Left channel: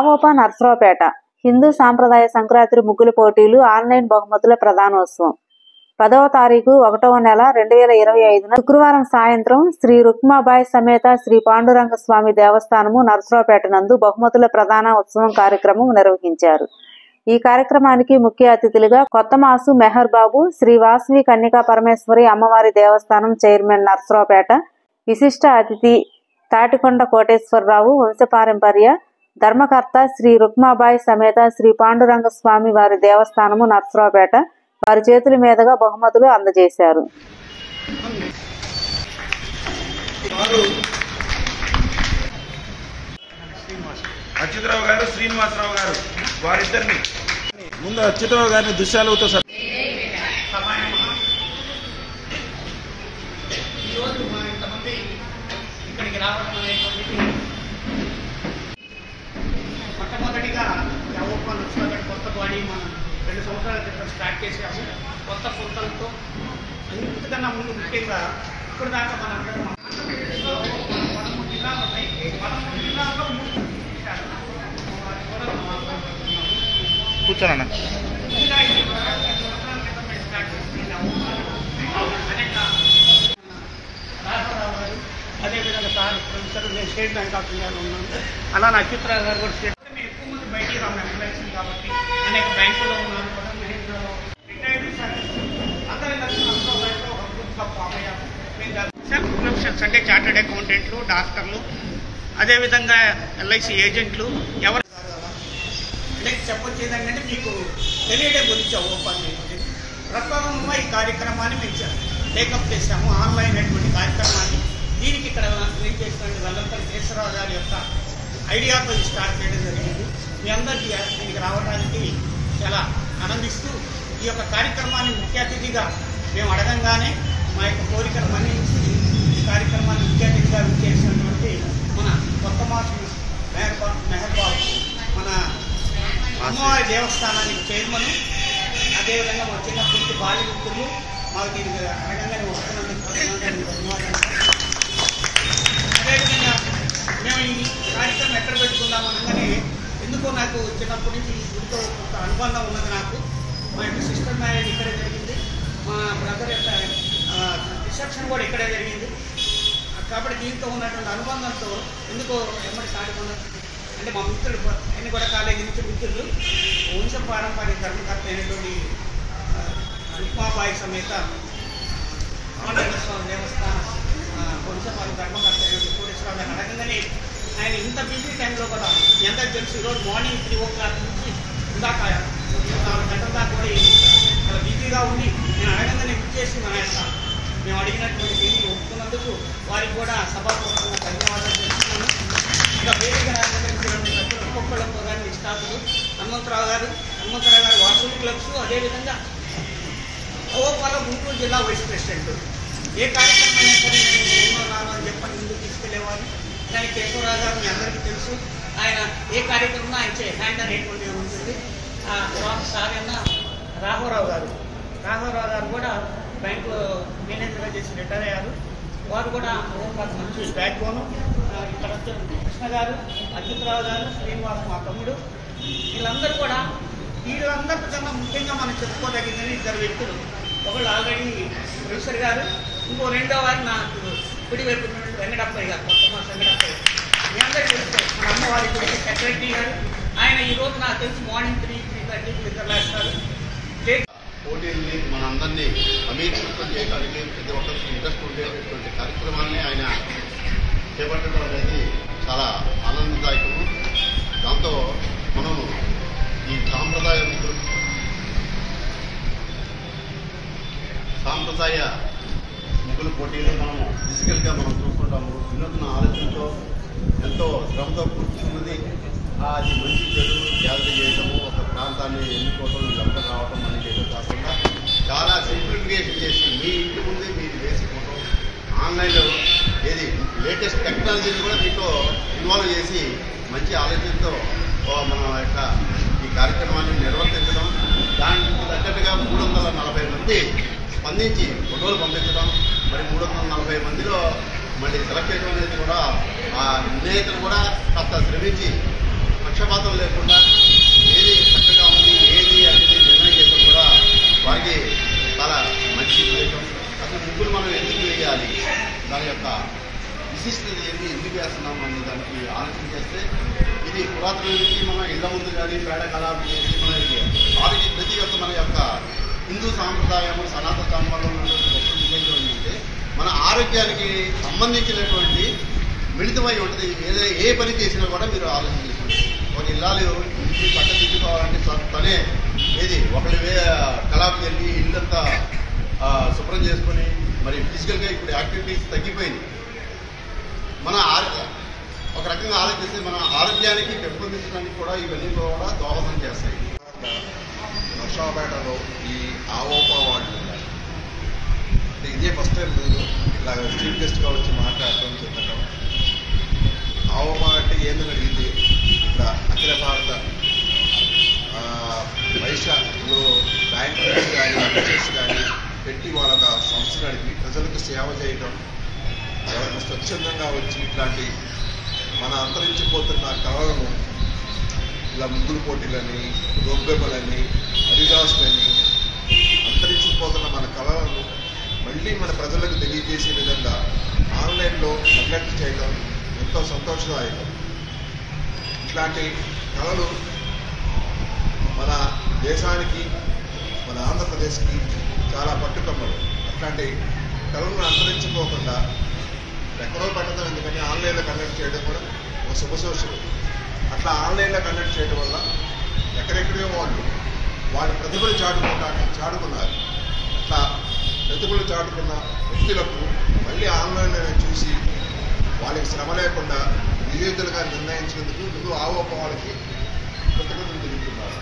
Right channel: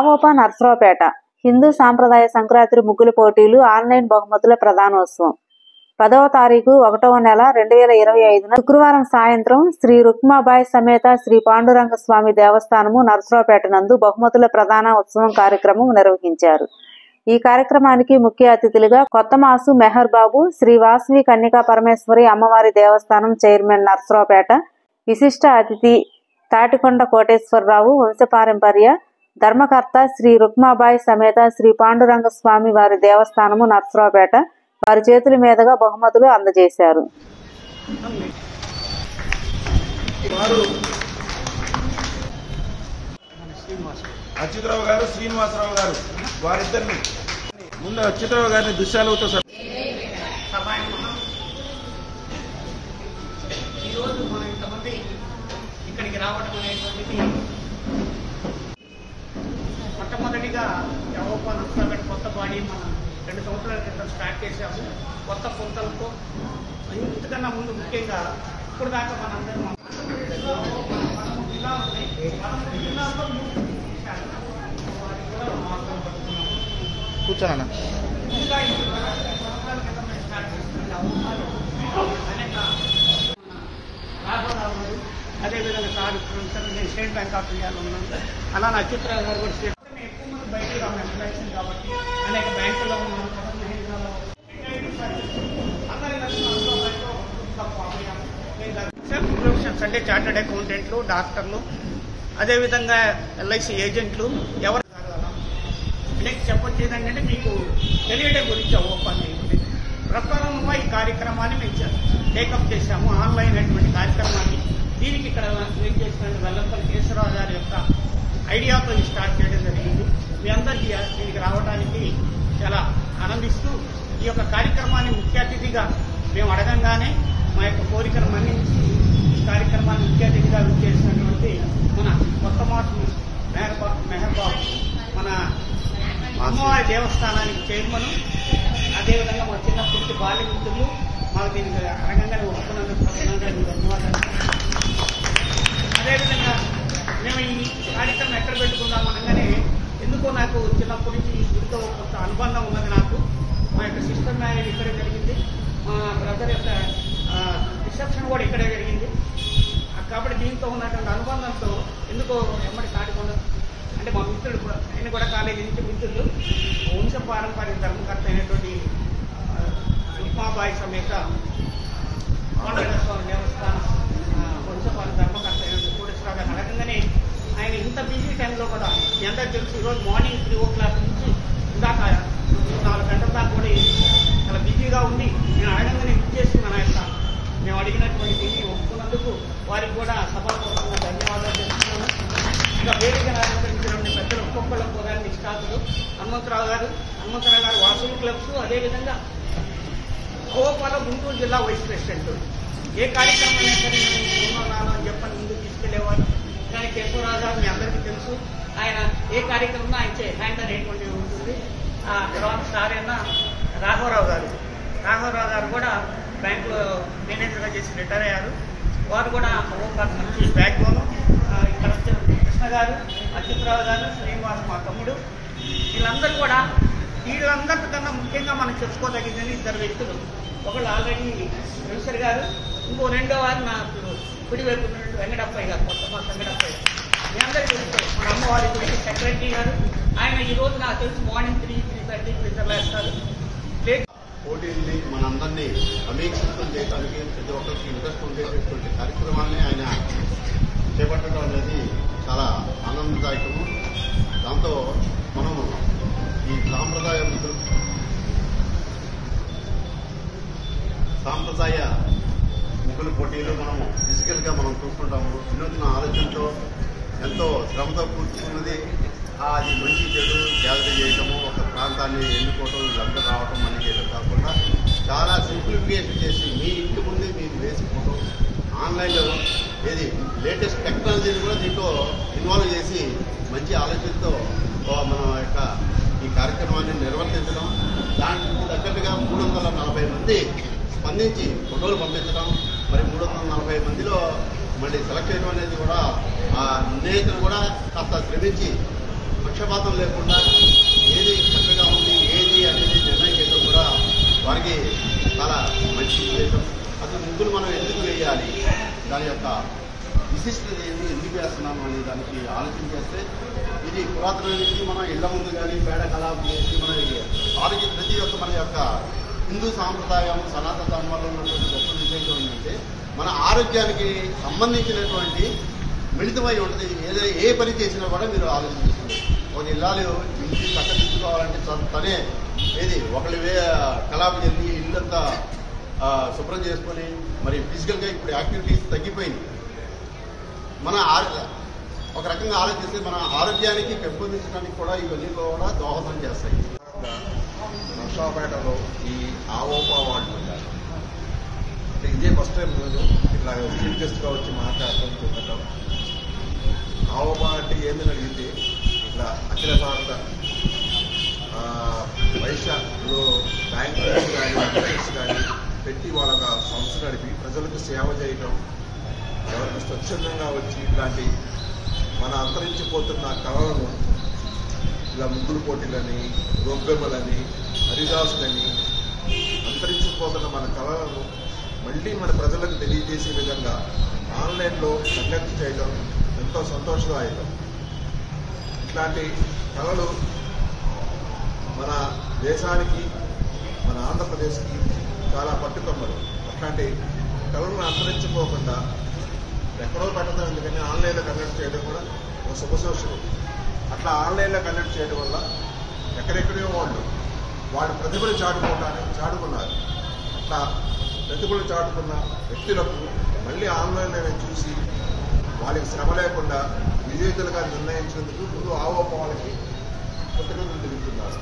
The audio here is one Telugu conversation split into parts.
రామోప నర్సరావుపేట హిందూ సాంప్రదాయ సంక్రాంతి ముగ్గుల పోటీలు ఆన్లైన్ బహుమతుల ప్రదానోత్సవం 10వ తారీఖు 1వ నెల 2025 శుక్రవారం సాయంత్రం శ్రీ రుక్మాబాయి సమేత శ్రీ పాండురంగ స్వామి దేవస్థానము నర్సరావుపేట నందు బహుమతుల ప్రదాన ఉత్సవం కార్యక్రమం నిర్వహించారు. ఈ కార్యక్రమానికి ముఖ్య అతిథులుగా కొత్తమాసు మెహర్ బాబు, శ్రీ వాసవి కన్యకా పరమేశ్వరి అమ్మవారి దేవస్థానం చైర్మన్ నర్సరావుపేట, విశిష్ట అతిథి తాటికొండ కోటేశ్వరరావు వంశపారంపర్య ధర్మకర్త శ్రీ రుక్మాబాయి సమేత శ్రీ పాండురంగ స్వామి వారి దేవస్థానము నర్సరావుపేట వారి చేతుల మీదుగా బహుమతులు అందజేశారు. అచ్యుతరావు గారు, శ్రీనివాసరావు గారు వారిద్దరిని ముందు అచ్యుతరావు గారిని దుశ్శాలుతో ఈరోజు మనం ఇంతమంది ఇక్కడికి రావడం అనేటువంటిది మొట్టమొదటిగా యావోపా నర్సరావుపేట కొత్త బాడీ మనం 2 సంవత్సరాల క్రితం స్టార్ట్ చేసాము. కొత్త పొంతలతో ఇంతకన్నా ముందు ముఖ్యంగా ఇప్పుడు దాకా మనందరం ఇలా ఉన్నాయి. కూర్చోనన్నా రాఘవరావు గారు, అదేవిధంగా సార్ నేను స్టేట్ బ్యాంక్ ఆఫ్ ఇండియాలో ఉన్నాను. అలా నా అచ్యుతరావు గారు కూడా స్టేట్ ఎక్కువ మంది బయటికి రాము ఎంప్లాయీస్ కాబట్టి అనేక బ్యాంకుల్లో ఉన్నారు కదా, మహేంద్రలో రిటైర్డ్ సర్వీస్ అందరం కలిసి నర్సరావుపేటలో ఒక గ్రూప్గా ఫామ్ అయ్యాము. మేము ప్రొఫెషనల్స్ అంటే చార్టెడ్ అకౌంటెంట్లు, డాక్టర్లు, అదేవిధంగా ఎల్ఐసి ఏజెంట్లు ఎవరు అంటే చెప్పొచ్చేది ఏంటంటే మీకు తెలియడం గురించి ఓపెన్ చేయండి. ప్రస్తుతంలో ఈ కార్యక్రమాన్ని మేము టేకప్ చేశాము, ఆన్లైన్ అటువంటి కార్యక్రమాన్ని. దీనికి ఇక్కడ ఏం చేసినట్టు వెల్లంపల్లి కేశవరావు గారి యొక్క ఐడియాతో స్టార్ట్ చేయడం జరిగింది. మీ అందరికీ దీనికి రావడానికి చాలా ఆనందిస్తూ ఈ యొక్క కార్యక్రమాన్ని ముఖ్య అతిథిగా మేము అడగంగానే మా యొక్క కోరికను మన్నించి ఈ కార్యక్రమాన్ని ముఖ్య అతిథిగా విచ్చేసినటువంటి మన కొత్తమాసు మెహర్ బాబు, మన అమ్మవారి దేవస్థానానికి చైర్మన్, అదేవిధంగా మా చిన్నప్పటి బాల్య మిత్రులు మాకు దీనికి అడగంగానే ఒప్పుకున్నందుకు ధన్యవాదాలు. అదేవిధంగా మేము ఈ కార్యక్రమం ఎక్కడ పెట్టుకుందాం అనగానే ఎందుకో నాకు చిన్నప్పటి నుంచి ఈ గుడితో కొంత అనుబంధం ఉన్నది. నాకు మా యొక్క సిస్టర్ మ్యారేజ్ ఇక్కడే జరిగింది, మా బ్రదర్ యొక్క రిసెప్షన్ కూడా ఇక్కడే జరిగింది. కాబట్టి దీంతో ఉన్నటువంటి అనుబంధంతో ఎందుకో ఎమ్మడి తాటికొండ అంటే మా మిత్రులు ఆయన కూడా కాలేజీ నుంచి మిత్రులు వంశపారంపర్య ధర్మకర్త అయినటువంటి రుక్మాబాయి సమేత పాండురంగ స్వామి దేవస్థానం వంశపాల ధర్మకర్త అయినటువంటి కోటేశ్వరరావు గారిని అడగంగానే ఆయన ఇంత బిజీ టైంలో కూడా ఎంతకు తెలుసు ఈరోజు మార్నింగ్ 3 o'clock నుంచి ఇందాక 4 గంటల దాకా కూడా చాలా బిజీగా ఉండి నేను అడగంగానే విచ్చేసి మన యొక్క మేము అడిగినటువంటి దీన్ని ఒప్పుకున్నందుకు వారికి కూడా సభాపూర్వకంగా ధన్యవాదాలు తెలుస్తున్నాను. ఇంకా వేదిక అలంకరించినటువంటి పెద్దలు ఒక్కొక్కళ్ళకు కూడా నిష్ఠాతులు హనుమంతరావు గారు వాసవి క్లబ్స్, అదేవిధంగా గోపాల గుంటూరు జిల్లా వైస్ ప్రెసిడెంట్. ఏ కార్యక్రమం అయినా సరే నేను ఉన్నాను అని చెప్పని ముందుకు తీసుకెళ్లేవారు. కానీ కేశవరావు గారు మీ అందరికీ తెలుసు, ఆయన ఏ కార్యక్రమం ఆయన హ్యాండ్ అనేటువంటిది ఉంటుంది. ఆ తర్వాత సార్ అయినా రాఘవరావు గారు కూడా బ్యాంకులో మేనేజర్గా చేసి రిటైర్ అయ్యారు. వారు కూడా ఓపాకు మంచి బ్యాక్ బోను. ఇక్కడ వచ్చే కృష్ణ గారు, అచ్యుతరావు గారు, శ్రీనివాస్ మా తమ్ముడు, వీళ్ళందరికన్నా ముఖ్యంగా మనం చెప్పుకోదగినది 2 వ్యక్తులు. ఒకళ్ళు ఆల్రెడీ ప్రొఫెసర్ గారు, ఇంకో 2వ వారు నాకు కుడివైపు ఉన్నటువంటి వెంకటప్పయ్య గారు, కొత్తమాస వెంకటప్పయ్య. మీ అందరికీ తెలుసు మన అమ్మవారి గురించి సెక్రటరీ గారు. ఆయన ఈరోజు నాకు తెలిసి మార్నింగ్ 3:30కి నిద్రలేస్తారు. పోటీల్ని మనందరినీ అమీర్షితం చేయడానికి ప్రతి ఒక్కరికి ఇంట్రెస్ట్ ఉండేటటువంటి కార్యక్రమాన్ని ఆయన చేపట్టడం అనేది చాలా ఆనందదాయకము. దాంతో మనము ఈ సాంప్రదాయ ముగ్గుల పోటీలు మనము ఫిజికల్గా మనం చూసుకుంటాము. వినూత్న ఆలోచనతో ఎంతో శ్రమతో కూర్చున్నది. అది మంచి చెడు జాగ్రత్త చేయటము, ఒక ప్రాంతాన్ని ఎన్నుకోవటం, వీళ్ళందరూ రావటం అని చేయడం కాకుండా చాలా సింప్లిఫికేషన్ చేసి మీ ఇంటి ముందే మీరు వేసి ఫోటో ఆన్లైన్లో ఏది లేటెస్ట్ టెక్నాలజీని కూడా దీంట్లో ఇన్వాల్వ్ చేసి మంచి ఆలోచనతో మన యొక్క ఈ కార్యక్రమాన్ని నిర్వర్తించడం. దానికి తగ్గట్టుగా 340 మంది స్పందించి ఫోటోలు పంపించడం, మరి 340 మందిలో మళ్ళీ సెలెక్ట్ చేయడం అనేది కూడా ఆ నిర్ణేతలు కూడా కాస్త శ్రమించి పక్షపాతం లేకుండా ఏది చక్కగా ఉంది ఏది అనేది నిర్ణయం చేయడం కూడా వారికి చాలా మంచి ఉద్దేశం. అసలు ముగ్గులు మనం ఎందుకు వేయాలి, దాని యొక్క విశిష్టత ఏంటి, ఎందుకు వేస్తున్నాం అనే దానికి ఆలోచన చేస్తే ఇది పురాతన నుంచి మనం ఇళ్ల ముందు కానీ పేడ కళాపం చేసి మన ప్రతి ఒక్క మన యొక్క హిందూ సాంప్రదాయం సనాతన ధర్మంలో ఉన్నటువంటి గొప్ప విశేషం ఏంటంటే మన ఆరోగ్యానికి సంబంధించినటువంటి మిళితమై ఉంటుంది. ఏ పని చేసినా కూడా మీరు ఆలోచన చేసుకోండి. ఒక ఇల్లాలు ఇంటి చక్కదిద్దుకోవాలంటే తనే ఒకళ్ళు కళాపం చెల్లి ఇల్లంతా శుభ్రం చేసుకొని మరి ఫిజికల్గా ఇప్పుడు యాక్టివిటీస్ తగ్గిపోయింది. మన ఒక రకంగా ఆలోచిస్తే మన ఆరోగ్యానికి పెంపొందించడానికి కూడా ఇవన్నీ కూడా దోహదం చేస్తాయి. నర్సాపేటలో ఈ ఆవోపా వాళ్ళు ఉన్నారు. అంటే ఇదే ఫస్ట్ టైం నేను ఇట్లా చీఫ్ గెస్ట్గా వచ్చి మాట్లాడటం చెప్పటం. ఆవోపా అంటే ఏందని అడిగింది, ఇట్లా అఖిల భారత వైశ్యలో బ్యాంక్ కానీ అడ్మిషన్స్ కానీ పెట్టి వాళ్ళ సంస్థ నడిపి ప్రజలకు సేవ చేయటం, ఎవరికి స్వచ్ఛందంగా వచ్చి ఇట్లాంటి మన అంతరించిపోతున్న కళలను ఇలా ముగ్గులు పోటీలని, గొబ్బెమ్మలని, హరిదాసులని అంతరించిపోతున్న మన కళలను మళ్ళీ మన ప్రజలకు తెలియజేసే విధంగా ఆన్లైన్లో కండక్ట్ చేయడం ఎంతో సంతోషదాయకం. ఇట్లాంటి కళలు మన దేశానికి, మన ఆంధ్రప్రదేశ్కి చాలా పట్టుకొమ్మలు. అట్లాంటి కళలను అంతరించుకోకుండా ఎక్కడో పెట్టడం ఎందుకని ఆన్లైన్లో కండక్ట్ చేయడం కూడా ఒక శుభసూచన. అట్లా ఆన్లైన్లో కండక్ట్ చేయడం వల్ల ఎక్కడెక్కడో వాళ్ళు ప్రతిభలు చాటుకున్నారు. అట్లా ప్రతిభలు చాటుకున్న వ్యక్తులకు మళ్ళీ ఆన్లైన్లోనే చూసి వాళ్ళకి శ్రమ లేకుండా విజేతలుగా నిర్ణయించినందుకు ముందు ఆవోప వాళ్ళకి కృతజ్ఞతలు తెలుపుతున్నారు.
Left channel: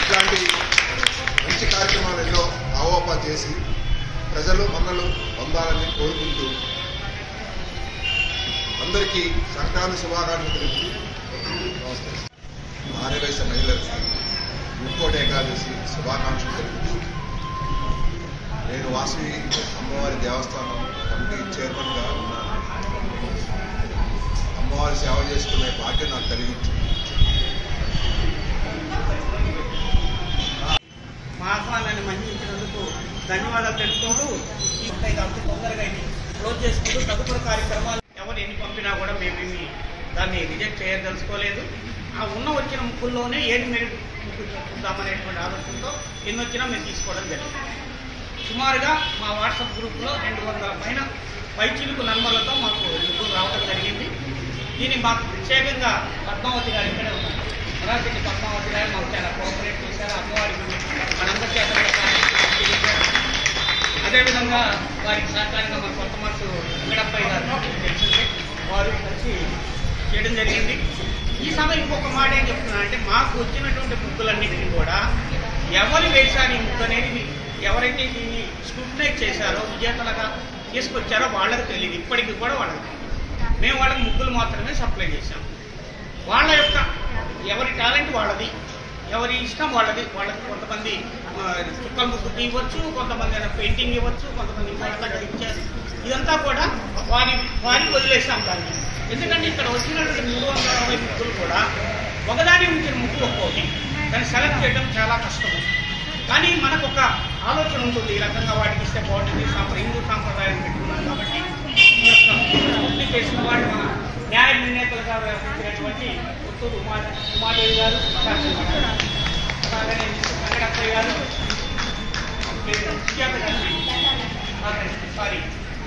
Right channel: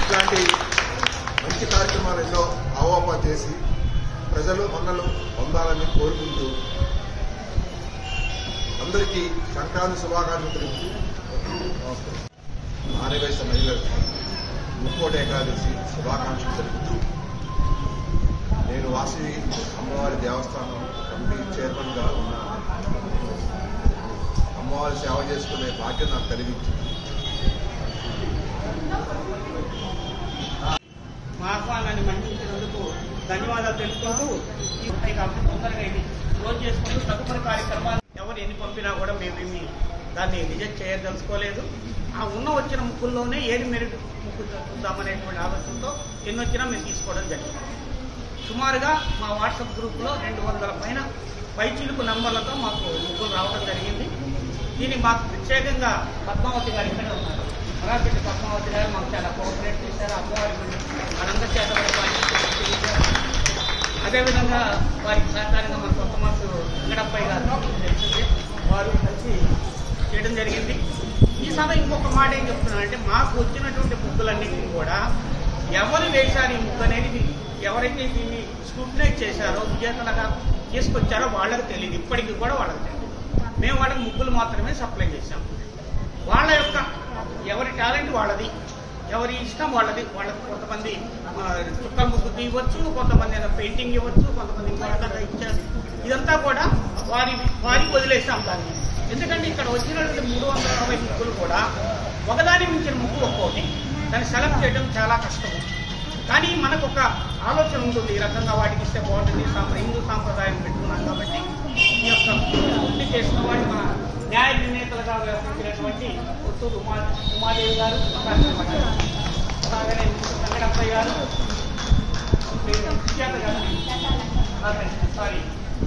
ఇట్లాంటి మంచి కార్యక్రమాలు ఎన్నో ఆవోప చేసి ప్రజలు మన్నలు పొందాలని కోరుకుంటూ అందరికీ సంక్రాంతి శుభాకాంక్షలు తెలుపుతూ నమస్కారం. ఆర్యవైశ్య మహిళలకు ముక్కోటి ఏకాదశి శుభాకాంక్షలు తెలుపుతూ నేను వాసవి అమ్మవారి దేవస్థానం కమిటీ చైర్మన్గా ఉన్నాను. అమ్మవారి సేవ చేసుకునే భాగ్యం నాకు కలిగించింది. మా ఆహ్వానాన్ని మన్నించినందుకు ధన్యవాదాలు తెలుపుకుంటూ తొందరగా క్లోజ్ చేసుకుంటూ తదుపరి కార్యక్రమాలు ఎవరు ఎన్ని పంపినా కూడా మేము దాన్ని రిజెక్ట్ చేయదలుచుకోలేదు. ఆ వచ్చిన ముక్కుల్లోనే ఏది మెరిట్ ముక్కు చూద్దామనేటువంటి ఆలోచనతో ఎన్ని వచ్చినా మేము తీసుకోవడం జరిగింది. సుమారుగా మా వాట్సాప్ గ్రూప్లో 200 పైన పైచిలుకు నంబర్లతో మాకు ముగ్గులు రావడం జరిగింది. దీన్ని మాకు ప్రత్యేకంగా పద్మావతి గారు ఇక్కడే ఉన్నారు. మరాఠీ పద్మావతి గారు మాకు చాలా కోఆపరేట్ చేశారు. అమ్మవారి మనందరి చేత కూడా అదేవిధంగా వారికి సహకారంగా మన కొత్త మనసు వెంకటప్పయ్య గారు తెలిసింది, వారు కలిసి చేయడం జరిగింది. ఈ సమయం ఇంకొక మాట ఏం చెప్తున్నానంటే మాకు వచ్చినటువంటి ముగ్గులన్నింటినీ కూడా ఎవరు వేశారు ఈ ముగ్గు అనేది ఎవరైతే దీన్ని స్క్రూటినైజ్ చేశారో విజేతలుగా తీసుకొచ్చారో వాళ్ళకి తెలియదు. ఇప్పటికీ కూడా వాళ్ళకి తెలియదు. మేము వాళ్ళకి ముగ్గులు మాత్రమే సప్లై చేశాం. వాళ్ళ యొక్క ఎవరి టాలెంట్ వాళ్ళది, ఎవరి ఇష్టం వాళ్ళది. వాళ్ళకి కొంతమంది చుక్కల ముగ్గు తీయవచ్చు, కొంతమంది పెయింటింగ్ ఇవ్వచ్చు, కొంతమంది ఇంకో రకంగా ఇచ్చారు. ఇదంతా కూడా వారికి వదిలేసాం దాన్ని. ఎందుకంటే ఇక్కడ వచ్చినటువంటి 360 ముగ్గులు కూడా ఒకదాని మించిన ముగ్గు ఒక్కోటి, దాన్ని సెలెక్ట్ చేయడం చాలా కష్టము. కానీ మనకు ఒక ఆలోచన ఉంటుంది, ఈ రకంగా వాటికి ఇస్తే బాగుంటుంది, హిందూ సాంప్రదాయం పెట్టుకున్నాం కాబట్టి ఈ యొక్క ముగ్గులు చేసిన వాళ్ళు మన న్యాయ నిర్ణేతలుగా వ్యవహరించినటువంటి కొత్తూరు ఉమాదేవి గారు, అలాగనే వెంకటప్పయ్య గారు, సుజాత గారు,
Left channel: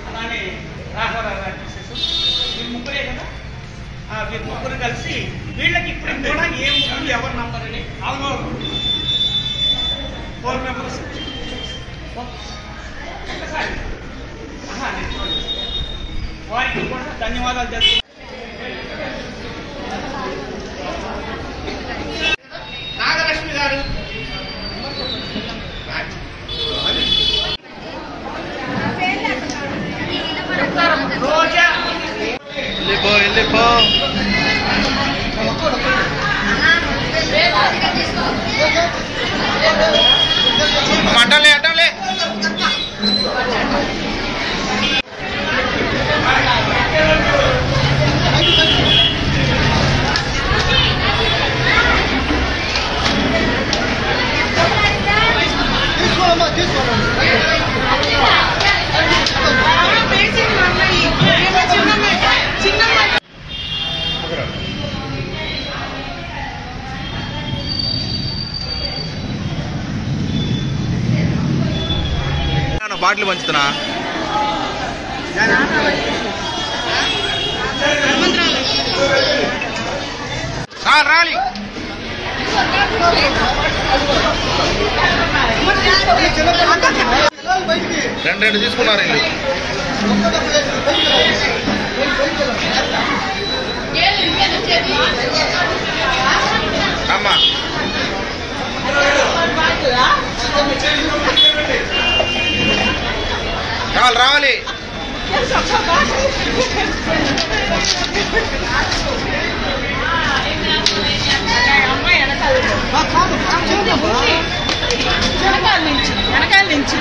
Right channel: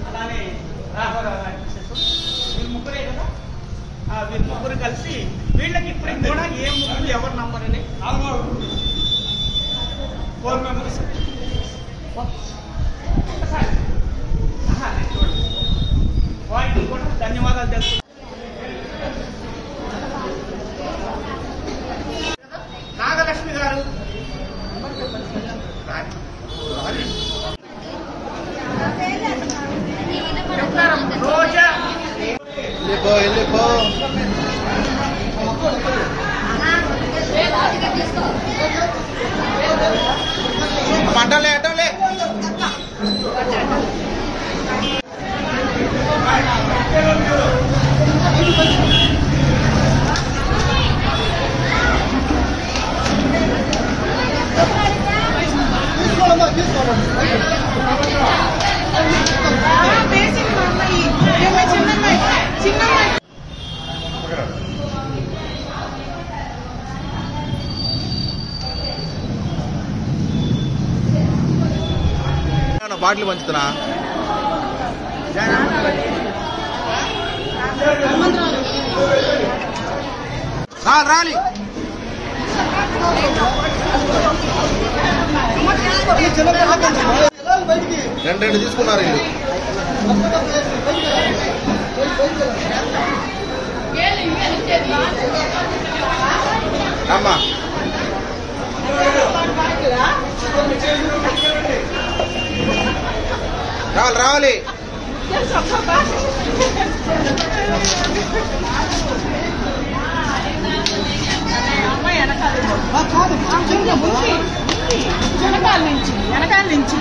అలానే రాఘవరావు గారు, వీళ్ళు ముగ్గురే కదా. వీరు ముగ్గురు కలిసి వీళ్ళకి ఇప్పటికి కూడా ఏ ముగ్గురు ఎవరు నంబర్ అని 4 మెంబర్స్ ఒకసారి నేను చూడండి. వారికి కూడా ధన్యవాదాలు తెలుపుతున్నాను. నాగలక్ష్మి గారు, రోజా, అటలే అటలే బాటిల్ పంచుతున్నా సార్ రాలి రెండు తీసుకున్నారు ఇల్లు అమ్మా రావాలి వెనకాల నుంచి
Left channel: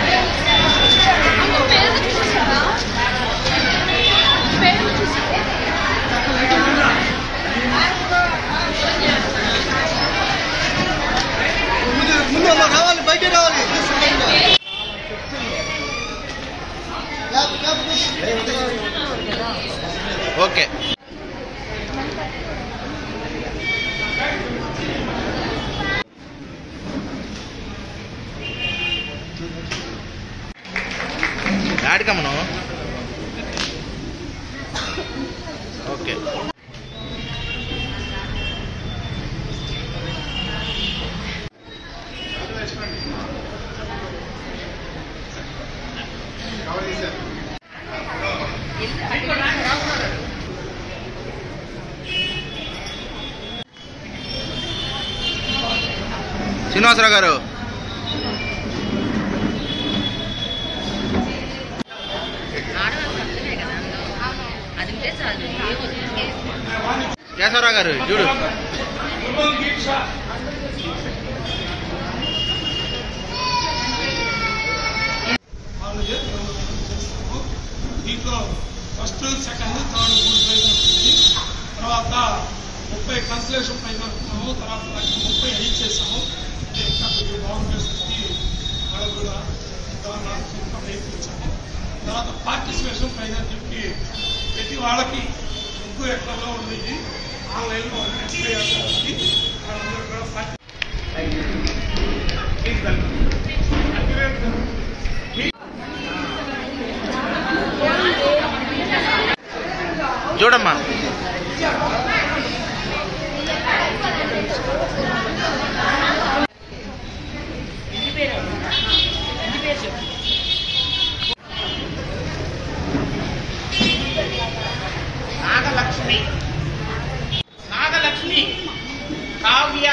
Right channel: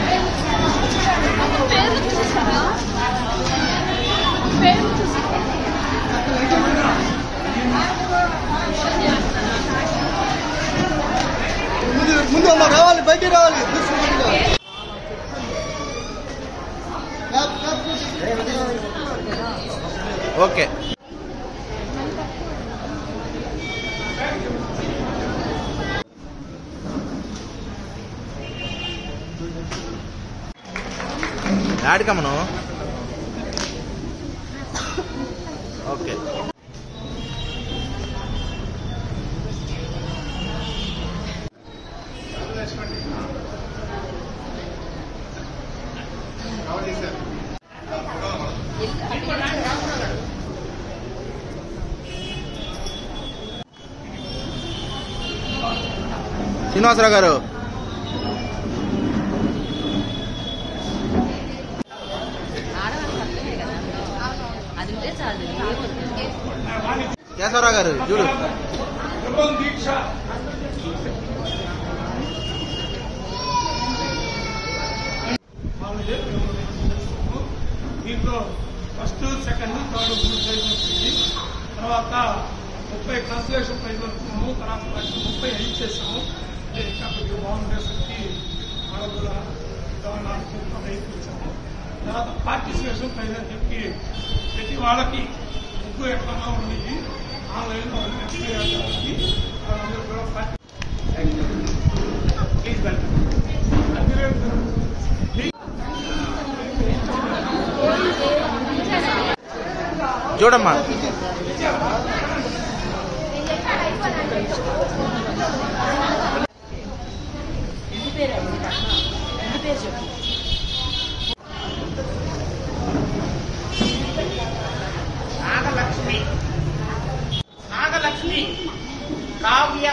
ముందు రావాలి, బయటికి రావాలి. ఓకే యాడికమ్మను ఓకే శ్రీనివాసరావు గారు కేశవరావు గారు చూడు దీంట్లో ఫస్ట్ సెకండ్ థర్డ్ 3 ప్రైజ్ వస్తుంది. తర్వాత 30 ట్రాన్స్లేషన్ ప్రైజ్ వస్తున్నాము. తర్వాత 30 ఇచ్చేసాము. ఇంకా కొద్దిగా బాగుండేసరికి వాళ్ళకు కూడా ఇచ్చాము. తర్వాత పార్టిసిపేషన్ ప్రైజ్ అని చెప్పి ప్రతి వాళ్ళకి ముగ్గు ఎక్కడో ఉంది ఆన్లైన్లో చూడమ్మా నాగలక్ష్మి కావ్య